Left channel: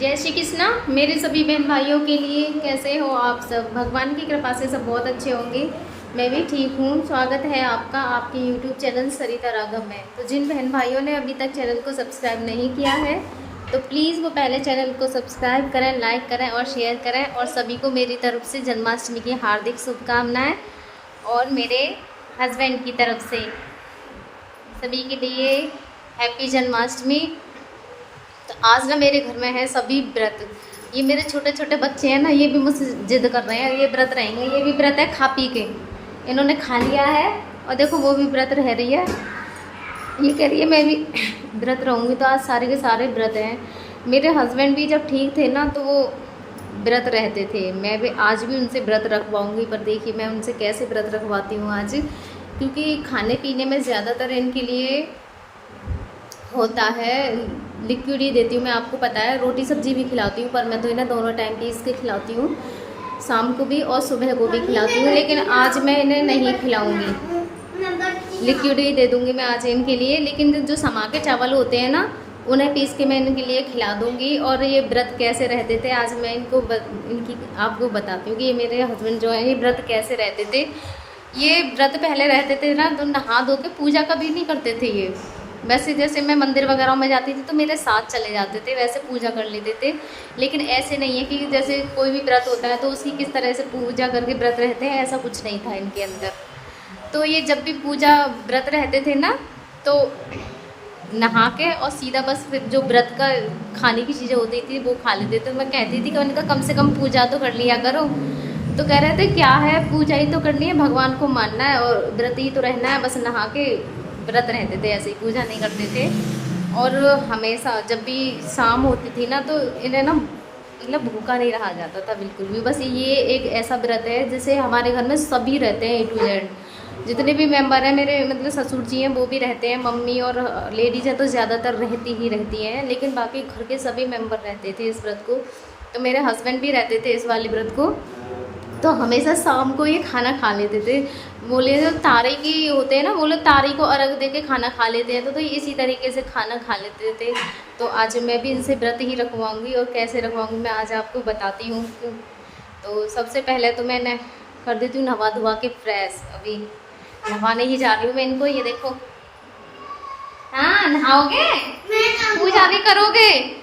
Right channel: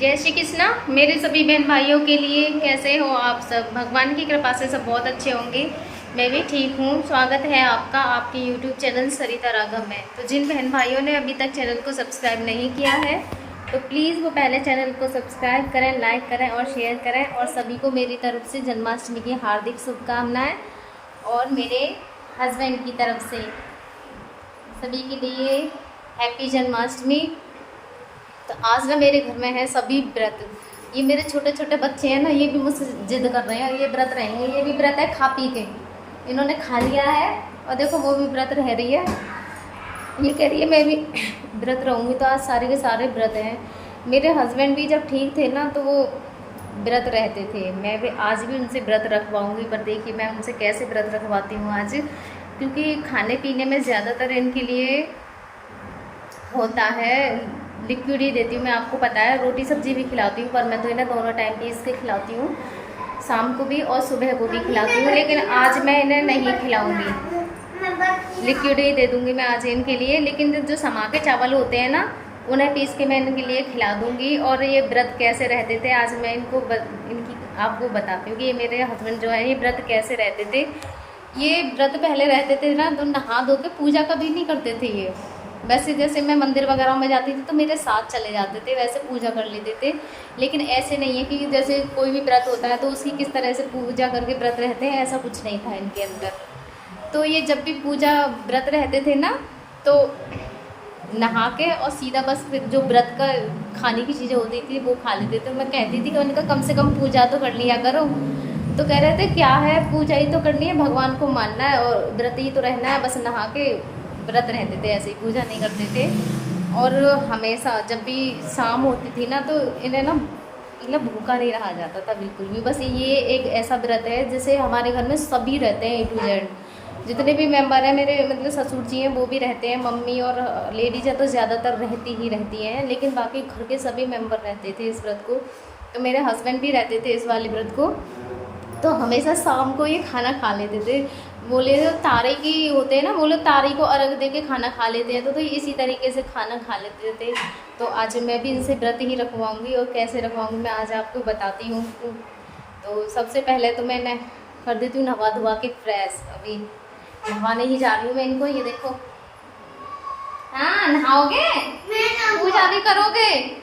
जय श्री कृष्णा मेरे सभी बहन भाइयों के लिए। कैसे हो आप सब? भगवान की कृपा से सब बहुत अच्छे होंगे। मैं भी ठीक हूँ। स्वागत है आपका आपके YouTube चैनल सरिता राघव में। तो जिन बहन भाइयों ने अभी तक चैनल को सब्सक्राइब नहीं किया है तो प्लीज़ वो पहले चैनल को सब्सक्राइब करें, लाइक करें और शेयर करें। और सभी को मेरी तरफ से जन्माष्टमी की हार्दिक शुभकामनाएँ और मेरे हस्बैंड की तरफ से सभी के लिए हैप्पी जन्माष्टमी। तो आज ना मेरे घर में है सभी व्रत। ये मेरे छोटे छोटे बच्चे हैं ना, ये भी मुझसे जिद कर रहे हैं, ये व्रत रहेंगे। ये भी व्रत है खा पी के, इन्होंने खा लिया है और देखो वो भी व्रत रह रही है। ये कह रही है मैं भी व्रत रहूँगी। तो आज सारे के सारे व्रत हैं। मेरे हस्बैंड भी जब ठीक थे ना तो वो व्रत रहते थे। मैं भी आज भी उनसे व्रत रखवाऊँगी, पर देखिए मैं उनसे कैसे व्रत रखवाती हूँ आज, क्योंकि खाने पीने में ज़्यादातर इनके लिए होता है लिक्विड ही देती हूँ मैं। आपको पता है रोटी सब्जी भी खिलाती हूँ, पर मैं तो इन्हें दोनों टाइम पीस के खिलाती हूँ, शाम को भी और सुबह को भी खिलाती हूँ। लेकिन आज मैं इन्हें नहीं खिलाऊंगी, लिक्विड ही दे दूँगी मैं आज इनके लिए। लेकिन जो समा के चावल होते हैं ना, उन्हें पीस के मैं इनके लिए खिला दूँगी। और ये व्रत कैसे रहते थे आज मैं इनकी आपको बताती हूँ कि ये मेरे हस्बैंड जो है ये व्रत कैसे रहते थे। ये व्रत पहले रहते थे ना तो नहा धो के पूजा कभी नहीं करते थे ये। वैसे जैसे मैं मंदिर वगैरह में जाती थी तो मेरे साथ चले जाते थे, वैसे पूजा कर लेते थे। लेकिन ऐसे नहीं है कि जैसे कोई भी व्रत होता है तो उसकी किस तरह से पूजा करके व्रत रहते हैं, ऐसा कुछ नहीं था इनके अंदर। तो ये जब भी पूजा व्रत रहते थे ना तो नहा के और सीधा बस फिर जो व्रत का खाने की चीज़ें होती थी वो खा लेते थे। मैं कहती थी कि उनका कम से कम पूजा तो कर लिया करो। तो कह रहे थे क्या है, पूजा ही तो करनी है, भगवान को मानना है और व्रत ही तो रहना है। बस नहा के व्रत रहते थे, ऐसे ही पूजा नहीं करते थे। और हमेशा जब भी शाम होती थी ना तो इन्हें ना मतलब भूखा नहीं रहा जाता था बिल्कुल भी। बस ये एक ऐसा व्रत है जैसे हमारे घर में सभी रहते हैं, A to Z जितने भी मेंबर हैं मेरे, मतलब ससुर जी हैं वो भी रहते हैं, मम्मी और लेडीज है तो ज़्यादातर रहती ही रहती हैं। लेकिन बाकी घर के सभी मेंबर रहते थे इस व्रत को। तो मेरे हस्बैंड भी रहते थे इस वाले व्रत को। तो हमेशा शाम को ये खाना खा लेते थे। बोले जो तारे की होते हैं ना, वो लोग तारे को अर्घ दे के खाना खा लेते हैं, तो इसी तरीके से खाना खा लेते थे। तो आज मैं भी इनसे व्रत ही रखवाऊंगी और कैसे रखवाऊंगी मैं आज आपको बताती हूँ। तो सबसे पहले तो मैंने कर देती हूँ नहा धुआ के फ्रेश। अभी नहाने ही जा रही हूँ मैं इनको। ये देखो, हाँ नहाओगे, पूजा भी करोगे?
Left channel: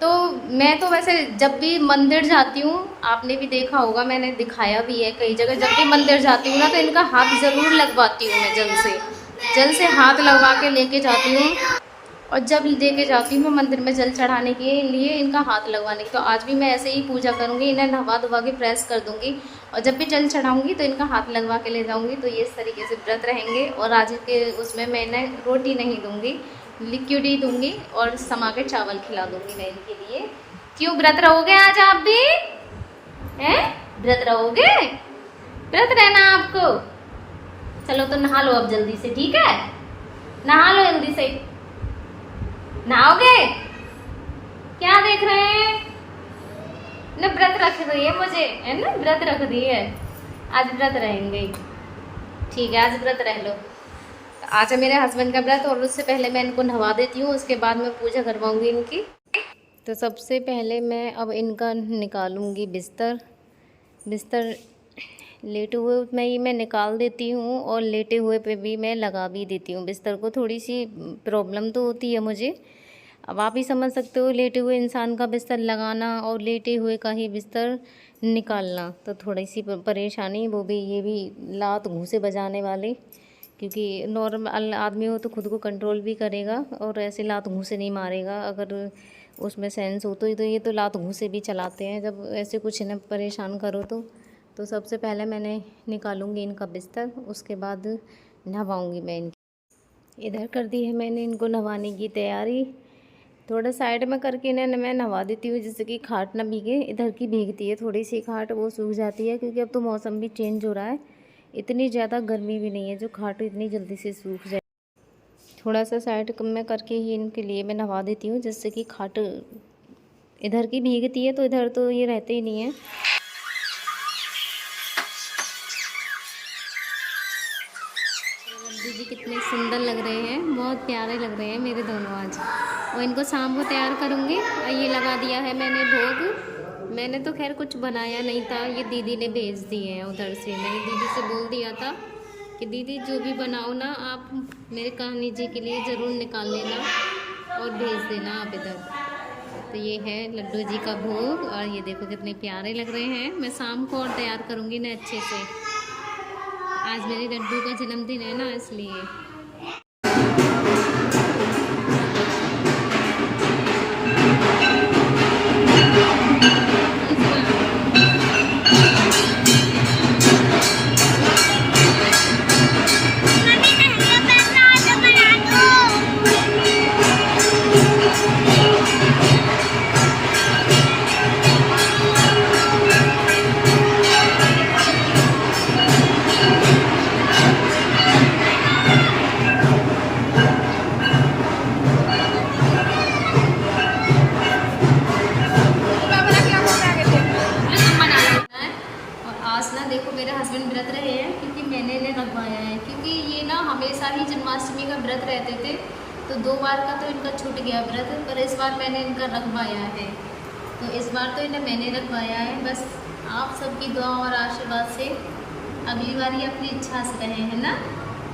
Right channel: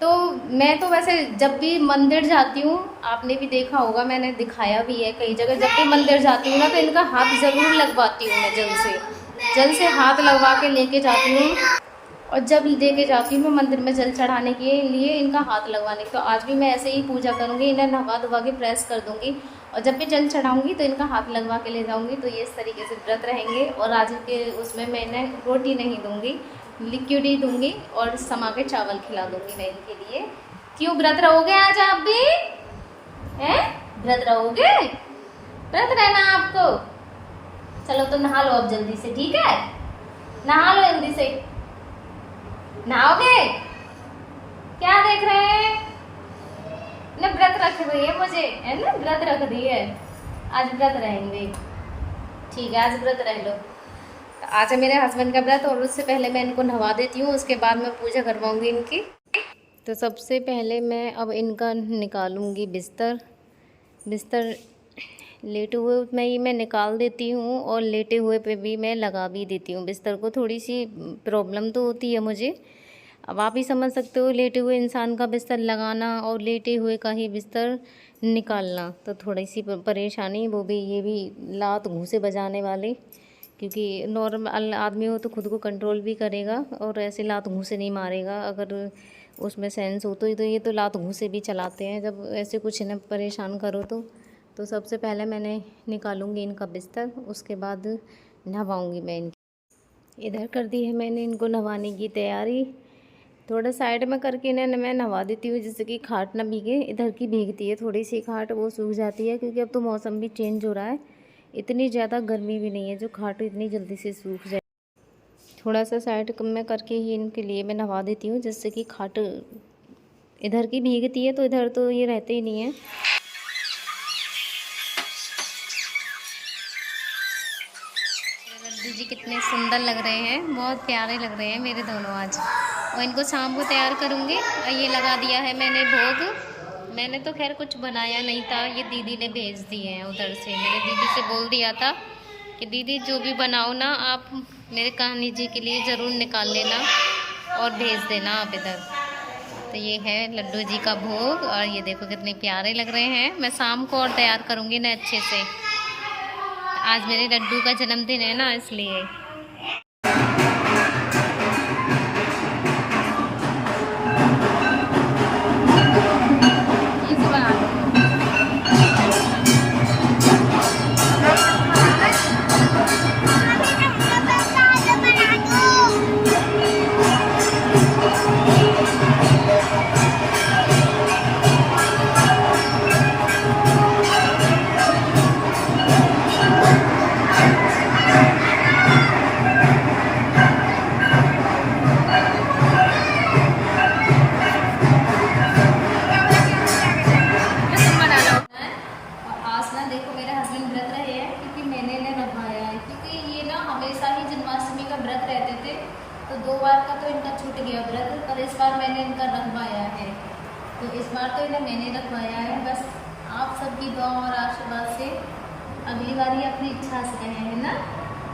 तो मैं तो वैसे जब भी मंदिर जाती हूँ, आपने भी देखा होगा, मैंने दिखाया भी है कई जगह, जब भी मंदिर जाती हूँ ना तो इनका हाथ ज़रूर लगवाती हूँ मैं। जल से हाथ लगवा के लेके जाती हूँ। और जब लेके जाती हूँ मैं मंदिर में जल चढ़ाने के लिए इनका हाथ लगवाने। तो आज भी मैं ऐसे ही पूजा करूँगी, इन्हें नहवा धुवा के प्रेस कर दूँगी और जब भी जल चढ़ाऊँगी तो इनका हाथ लगवा के ले जाऊँगी। तो ये इस तरीके से व्रत रहेंगे। और आज के उसमें मैं इन्हें रोटी नहीं दूँगी, लिक्विड ही दूँगी और समा के चावल खिला दूँगी मैं इनके लिए। क्यों व्रत रहोगे आज आप भी? हैं, व्रत रहोगे? व्रत रहना आपको। चलो तो नहा लो अब जल्दी से, ठीक है? नहा लो जल्दी से। नहाओगे? क्या देख रहे हैं ना, व्रत रख रही है मुझे, है ना, व्रत रख रही है। आज व्रत रहेंगे, ठीक है, आज व्रत रह लो। तो आज है मेरे हस्बैंड का व्रत और उससे पहले मैं इनको नहवा देती हूँ, उसके बाद मैं पूजा करवाऊंगी इनकी। तो सबसे पहले मैं अब इनका निकालूंगी बिस्तर लेटे हुए में ही मैं निकाल देती हूँ और लेटे हुए पे भी मैं लगा भी देती हूँ बिस्तर को। थोड़ी सी प्रॉब्लम तो होती है मुझे, अब आप ही समझ सकते हो, लेटे हुए इंसान का बिस्तर लगाना और लेटे हुए का ही बिस्तर निकालना तो थोड़ी सी परेशानी। वो भी ये भी लात घूंसे बजाने वाले, क्योंकि नॉर्मल आदमी हो तो खुद को कंट्रोल भी करेगा और ऐसे लात घूंसे नहीं मारेगा। अगर उसमें सेंस हो तो ये तो लात घूंसे भी चलाते हैं जब ऐसे कुछ इन्हें परेशान करो तो सबसे पहले मैंने निकालूंगी इनका बिस्तर, उसके बाद नहवाऊंगी मैं इनकी। इधर कर दी है मैंने इनको नहवाने की तैयारी। थोड़ा साइड में करके इन्हें मैं नहवा देती हूँ जिससे कि खाट ना भीगे। इधर की भीगती है थोड़ी सी खाट, वो सूख जाती है क्योंकि अब तो मौसम भी चेंज हो रहा है, इतनी ज़्यादा गर्मी भी नहीं है जो खाट इतनी जल्दी से सूख जाए। थोड़ा सा साइड में करके ही इनके लिए मैं नहवा देती हूँ जिससे कि खाट इधर की भीगती है, तो इधर तो ये रहते ही नहीं है। लड्डू जी कितने सुंदर लग रहे हैं, बहुत प्यारे लग रहे हैं मेरे दोनों आज। और इनको शाम को तैयार करूँगी। और ये लगा दिया है मैंने भोग। मैंने तो खैर कुछ बनाया नहीं था, ये दीदी ने भेज दिए हैं उधर से। मैंने दीदी से बोल दिया था कि दीदी जो भी बनाओ ना आप मेरे कहानी जी के लिए ज़रूर निकाल लेना और भेज देना आप इधर। तो ये है लड्डू जी का भोग और ये देखो कितने प्यारे लग रहे हैं। मैं शाम को और तैयार करूँगी ना अच्छे से। आज मेरे लड्डू का जन्मदिन है ना, इसलिए। जन्माष्टमी का व्रत रहते थे, तो 2 बार का तो इनका छूट गया व्रत, पर इस बार मैंने इनका रखवाया है। तो इस बार तो इन्हें मैंने रखवाया है। बस आप सबकी दुआ और आशीर्वाद से अगली बार ये अपनी इच्छा से रहे हैं ना,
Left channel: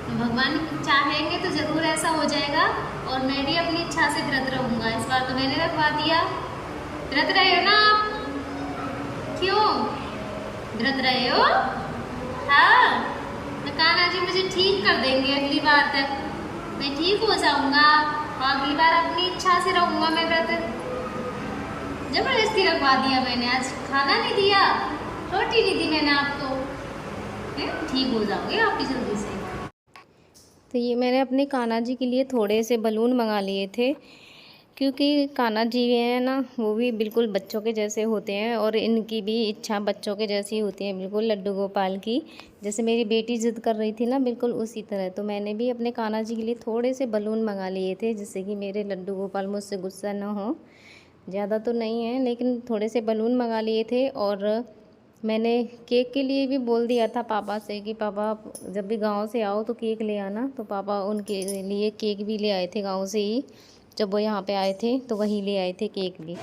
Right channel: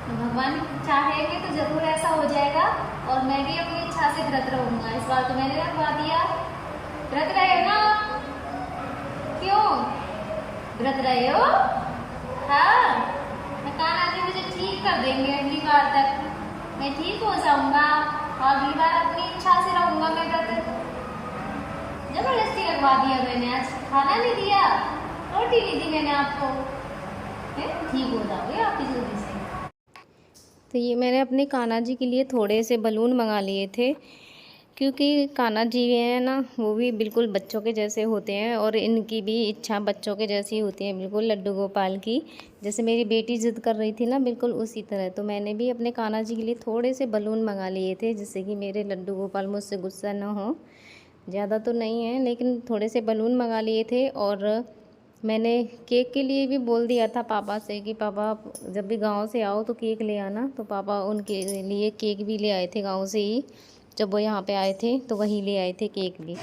तो भगवान चाहेंगे तो ज़रूर ऐसा हो जाएगा। और मैं भी अपनी इच्छा से व्रत रहूँगा। इस बार तो मैंने रखवा दिया। व्रत रहे हो ना आप? क्यों व्रत रहे हो? हाँ, तो कान्हा जी मुझे ठीक कर देंगे अगली बार तक। मैं ठीक हो जाऊंगा और अगली बार अपनी इच्छा से रहूंगा मैं व्रत। जबरदस्ती रखवा दिया मैंने, आज खाना नहीं दिया, रोटी नहीं दी मैंने आपको। ठीक हो जाओगे आप भी जल्दी से। तो ये मैंने अपने कान्हा जी के लिए थोड़े से बलून मंगा लिए थे, क्योंकि कान्हा जी है ना वो भी बिल्कुल बच्चों के जैसे होते हैं और इनकी भी इच्छा बच्चों के जैसी होती है, बिल्कुल लड्डू गोपाल की। जैसे मेरी बेटी ज़िद कर रही थी ना, बिल्कुल उसी तरह। तो मैंने भी अपने कान्हा जी के लिए थोड़े से बलून मंगा लिए थे, जिससे कि मेरे लड्डू गोपाल मुझसे गुस्सा ना हो। ज़्यादा तो नहीं है, लेकिन थोड़े से बलून मंगा लिए थे। और मैंने केक के लिए भी बोल दिया था पापा से कि पापा जब भी गाँव से आओ तो केक ले आना। तो पापा उनके लिए केक भी ले आए थे गाँव से ही। जब वो यहाँ पे आए थे तो वहीं ले आए थे केक भी।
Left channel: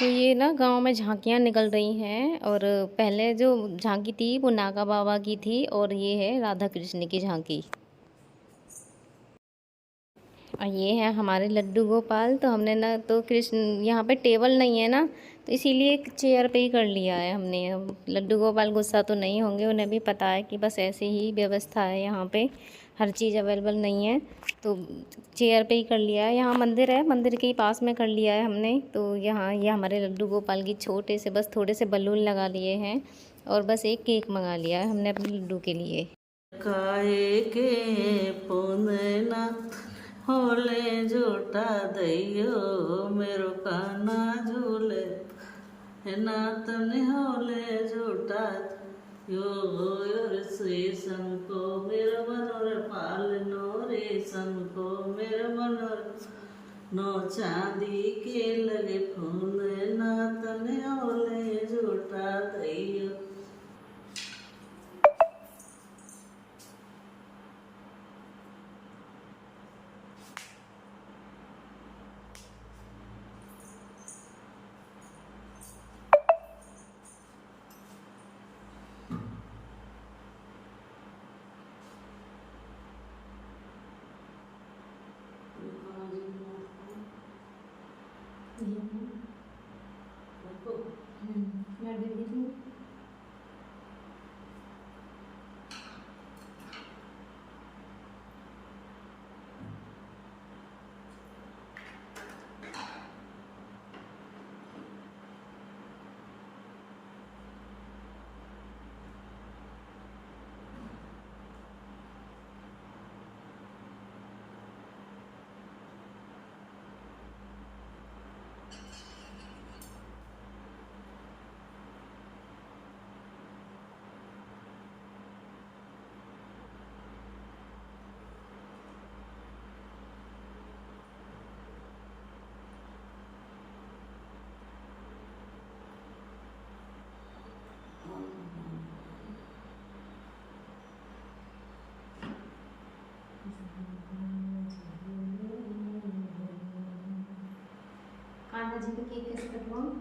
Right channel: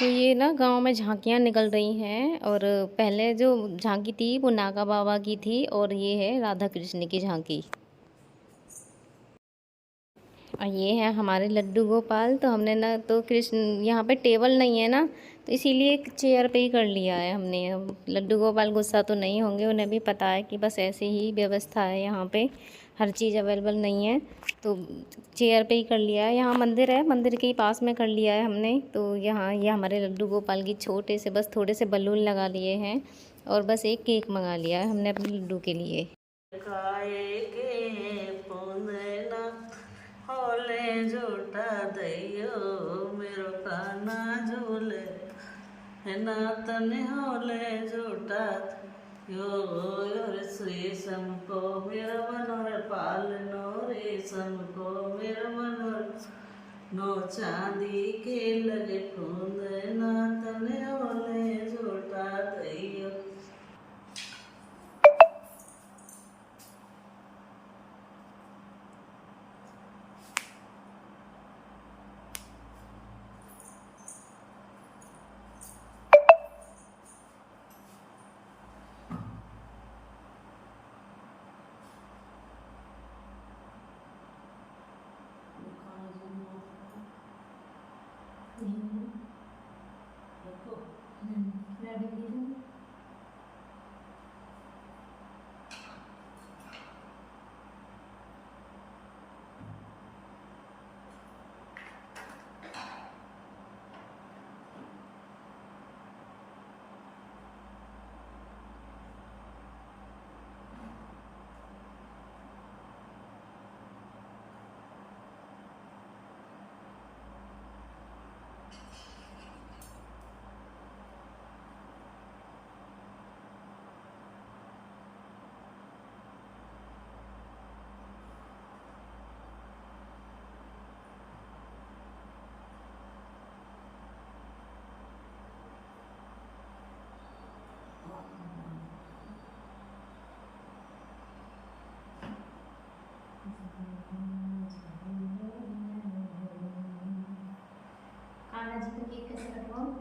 तो ये ना गांव में झांकियाँ निकल रही हैं, और पहले जो झांकी थी वो नागा बाबा की थी, और ये है राधा कृष्ण की झांकी। और ये है हमारे लड्डू गोपाल। तो हमने ना तो कृष्ण यहाँ पे टेबल नहीं है ना, तो इसीलिए एक चेयर पे ही कर लिया है हमने। अब लड्डू गोपाल गुस्सा तो नहीं होंगे, उन्हें भी पता है कि बस ऐसे ही व्यवस्था है, यहाँ पे हर चीज़ अवेलेबल नहीं है, तो चेयर पे ही कर लिया है। यहाँ मंदिर है, मंदिर के ही पास में कर लिया है हमने। तो यहाँ ये हमारे लड्डू गोपाल की छोटे से बस थोड़े से बलून लगा लिए हैं, और बस एक केक मंगा लिया है हमने अपने लड्डू के लिए। होले झूठा दैयो मेरो काना झूले नातन होले झूठा यो रे शीशम को मेरो मनोर पाल नो रेशम को मेरो मनोर नो चांदी के लगे फूल नातन होले झूठा दैयो। केक कैसे कटवाऊं?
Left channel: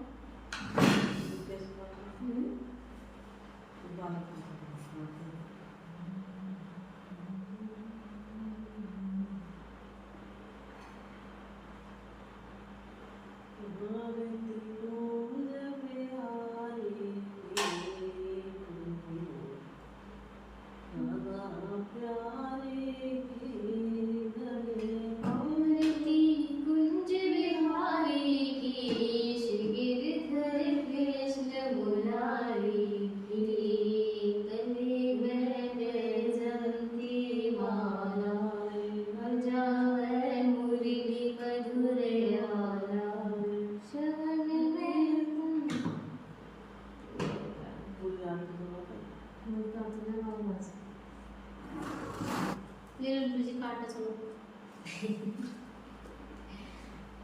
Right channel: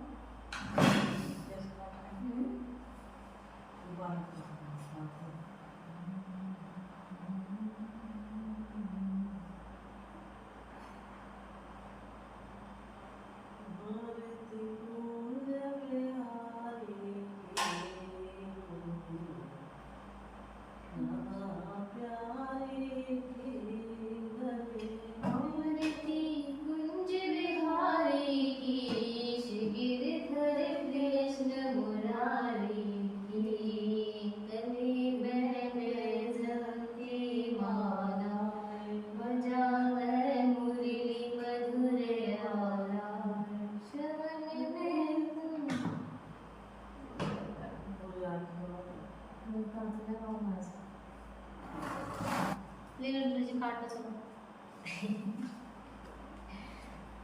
ले लो तुझे काट लो, चलो।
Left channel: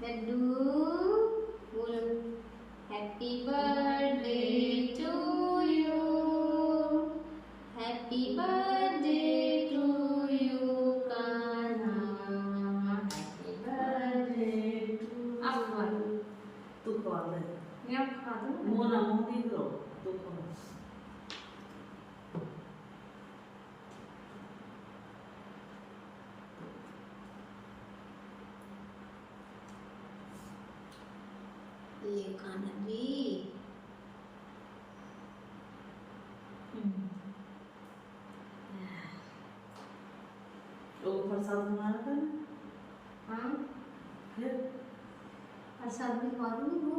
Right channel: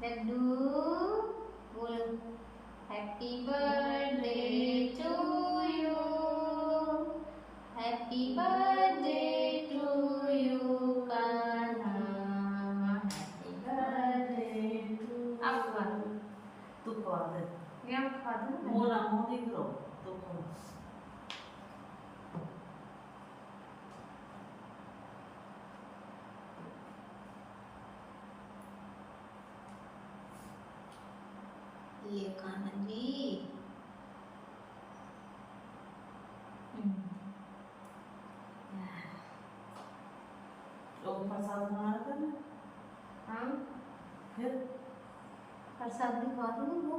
लड्डू बोलो, happy birthday to you, happy birthday to you Kanha, happy birthday to. अब खा दो, तू खा दे, मैं अब खा दो ना। मोना मोदी दो, तू खा। ये कान्हा जी। लोग प्रसाद बना रहे हैं। हाँ फिर प्रसाद भी खा दो, वो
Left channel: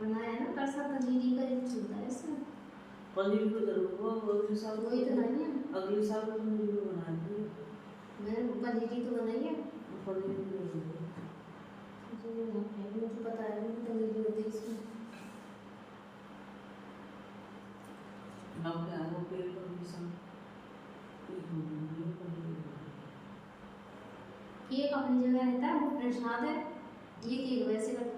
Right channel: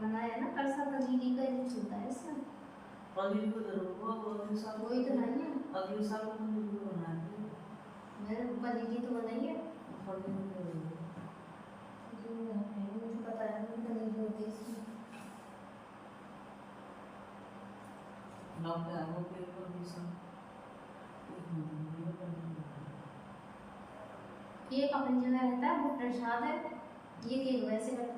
बनाया ना प्रसाद, पनीरी का ही चलता है इसमें। पनीर को जरूर वो अगले साल, वही तो नहीं है, अगले साल को पनीर को बनाएंगे। मैंने पनीरी तो बनाई है। पनीर को जरूर मुझे पता है कि पनीरी होती है इसमें। ना पे आगो पेड़ पर भी सब एक पनीर केक अपनी जगह रहता है, वो प्रसाद है। ये केक वैसे करते